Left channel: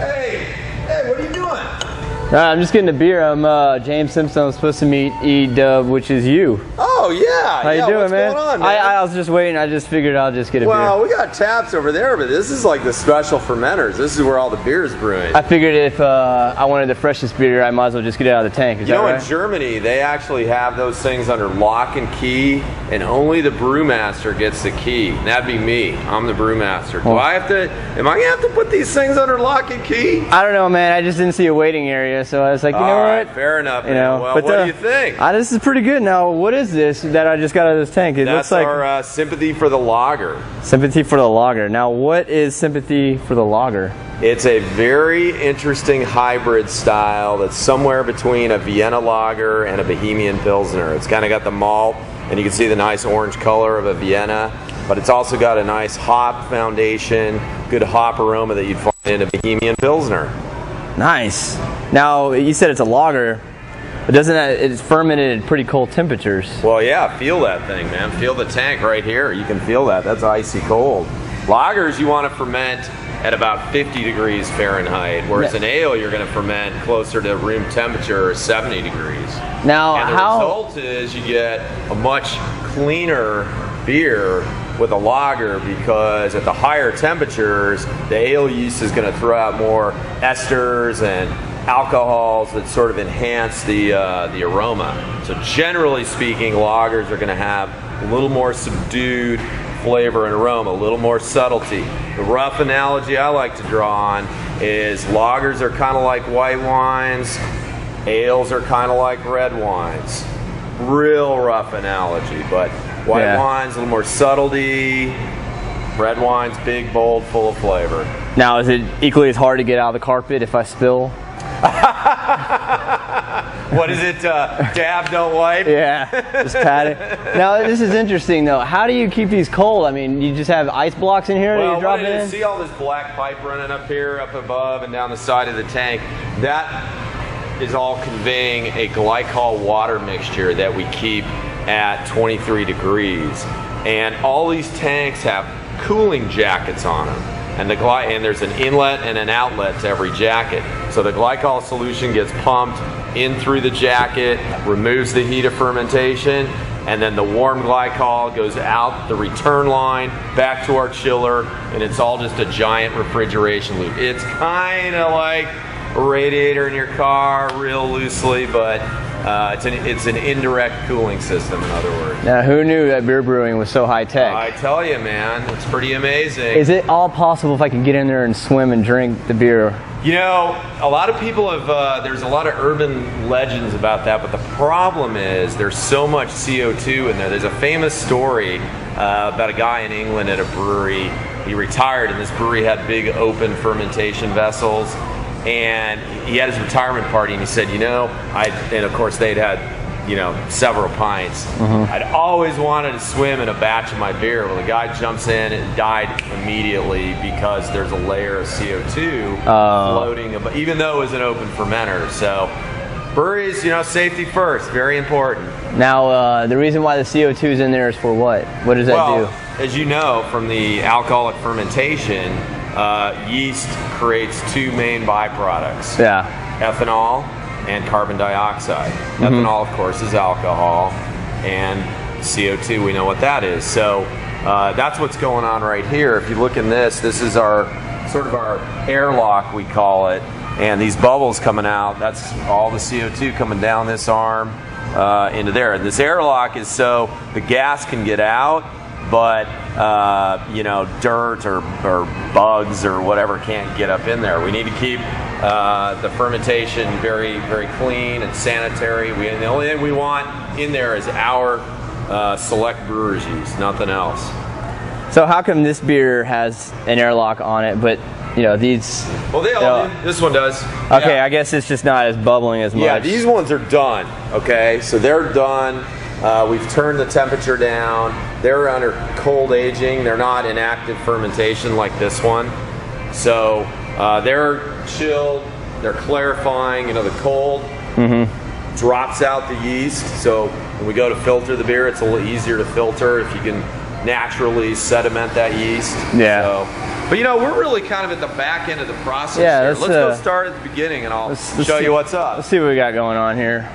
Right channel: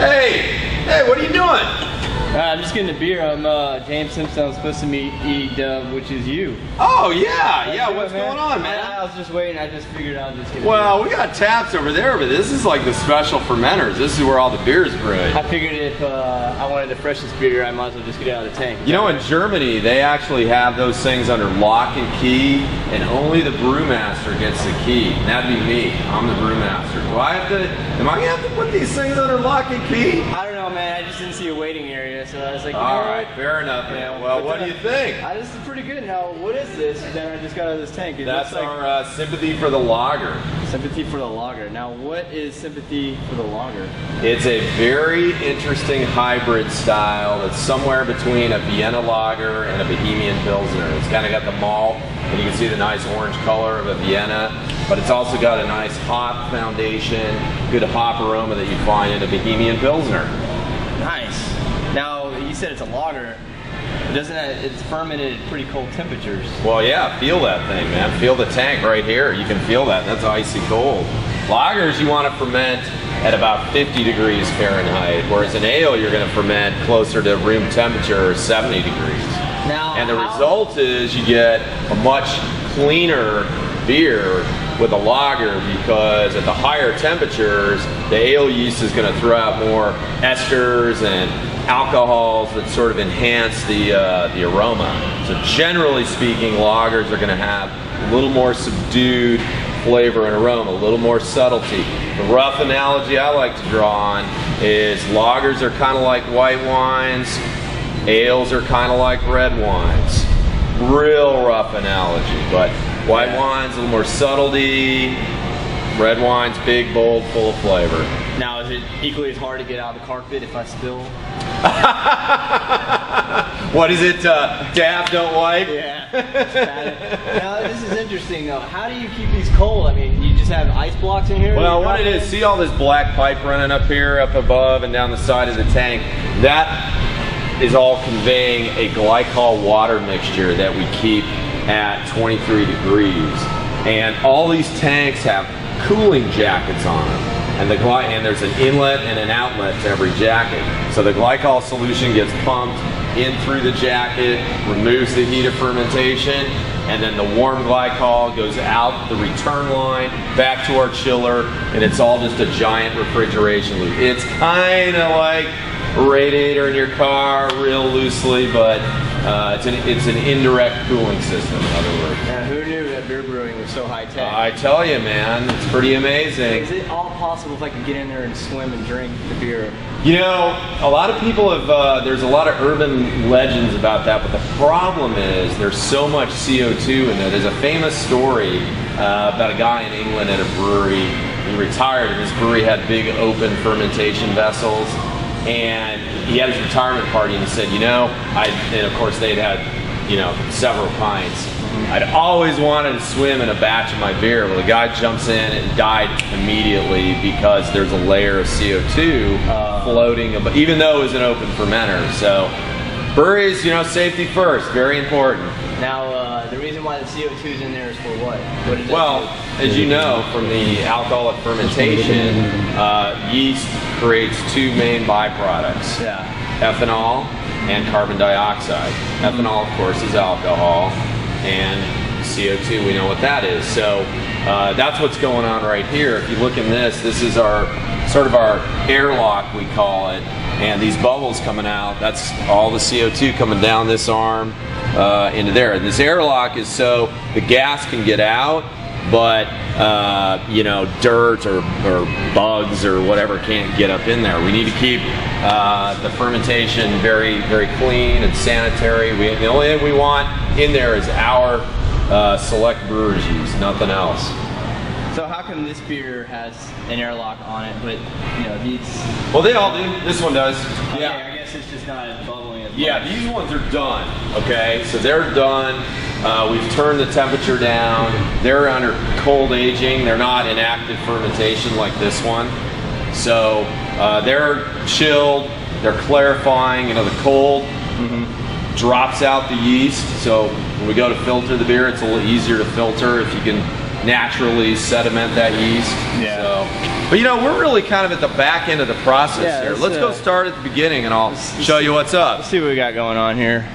Hey, what are you doing? I'm just getting a beer. I'm James Simpson. I'm supposed to meet E-Dub, which is you. Oh, yeah. How you doing, what's man? going on, man? I was just waiting. I just figured I'll just get a beer. Well, we got taps over there, but this is like the special fermenters. This is where all the beer's brewing. I figured if I wanted the freshest beer, I might as well just get it out of the tank. You know, in Germany, they actually have those things under lock and key, and only the brewmaster gets the key. That'd be me. I'm the brewmaster. Am I gonna have to put these things under lock and key? I don't know, man. I just didn't see a waiting area, so I was like, you know what? All right, fair enough. You know, well, what do you think? This is pretty good. Now, what is this that I just got out of this tank? That's looks like our sympathy for the lager. Sympathy for the lager. Now, what is sympathy for the lager? It's a very interesting hybrid style that's somewhere between a Vienna lager and a Bohemian Pilsner. It's kind of got the malt, and you can see the nice orange color of a Vienna, but it's also got a nice hop foundation, good hop aroma that you'd find in a Bohemian Pilsner. Nice. Now, you said it's a lager. It's fermented at pretty cold temperatures. Well, yeah, feel that thing, man. Feel the tank right here. You can feel that. That's icy cold. Lagers, you want to ferment at about 50 degrees Fahrenheit, whereas an ale, you're going to ferment closer to room temperature, 70 degrees. Now, and the result is you get a much cleaner beer with a lager, because at the higher temperatures, the ale yeast is going to throw out more esters and alcohols that sort of enhance the aroma. So generally speaking, lagers are going to have a little more subdued flavor and aroma, a little more subtlety. The rough analogy I like to draw on is lagers are kind of like white wines, ales are kind of like red wines. Real rough analogy, but white wine's a little more subtlety, red wine's big, bold, full of flavor. Now, is it equally as hard to get out of the carpet if I spill? What is it? Dab, don't wipe? Yeah, just pat it. Now, this is interesting, though. How do you keep these cold? I mean, you just have ice blocks in here? Well, what it is, see all this black pipe running up here, up above, and down the side of the tank? That is all conveying a glycol water mixture that we keep at 23 degrees. And all these tanks have cooling jackets on them. And there's an inlet and an outlet to every jacket. So the glycol solution gets pumped in through the jacket, removes the heat of fermentation, and then the warm glycol goes out the return line back to our chiller, and it's all just a giant refrigeration loop. It's kind of like a radiator in your car, real loosely, but it's an indirect cooling system, in other words. Now, who knew that beer brewing was so high tech? I tell you, man, it's pretty amazing. Is it all possible if I can get in there and swim and drink the beer? You know, a lot of people have, there's a lot of urban legends about that, but the problem is there's so much CO2 in there. There's a famous story about a guy in England at a brewery. He retired, and this brewery had big open fermentation vessels. And he had his retirement party, and he said, you know, and of course they'd had, you know, several pints. I'd always wanted to swim in a batch of my beer. Well, the guy jumps in and died immediately because there's a layer of CO2 floating, even though it was an open fermenter. So breweries, you know, safety first, very important. Now, the reason why the CO2 is in there is for what? What does that do? Well, as you know, from the alcoholic fermentation, yeast creates two main byproducts. Yeah. Ethanol and carbon dioxide. Ethanol, of course, is alcohol, and CO2, we know what that is. So that's what's going on right here. If you look in this is our sort of our airlock, we call it, and these bubbles coming out, that's all the CO2 coming down this arm into there. And this airlock is so the gas can get out, but you know, dirt or bugs or whatever can't get up in there. We need to keep the fermentation very, very clean and sanitary. The only thing we want in there is our select brewer's yeast, nothing else. So how come this beer has an airlock on it, but you know these? Well, they all do. This one does. Okay, yeah. I guess it's just not as bubbling as much. Yeah, these ones are done. Okay, so they're done. We've turned the temperature down. They're under cold aging. They're not in active fermentation like this one. So they're chilled. They're clarifying. You know, the cold drops out the yeast. So when we go to filter the beer, it's a little easier to filter if you can naturally sediment that yeast. Yeah. So, but you know, we're really kind of at the back end of the process here. Let's go start at the beginning and I'll show you what's up. Let's see what we got going on here.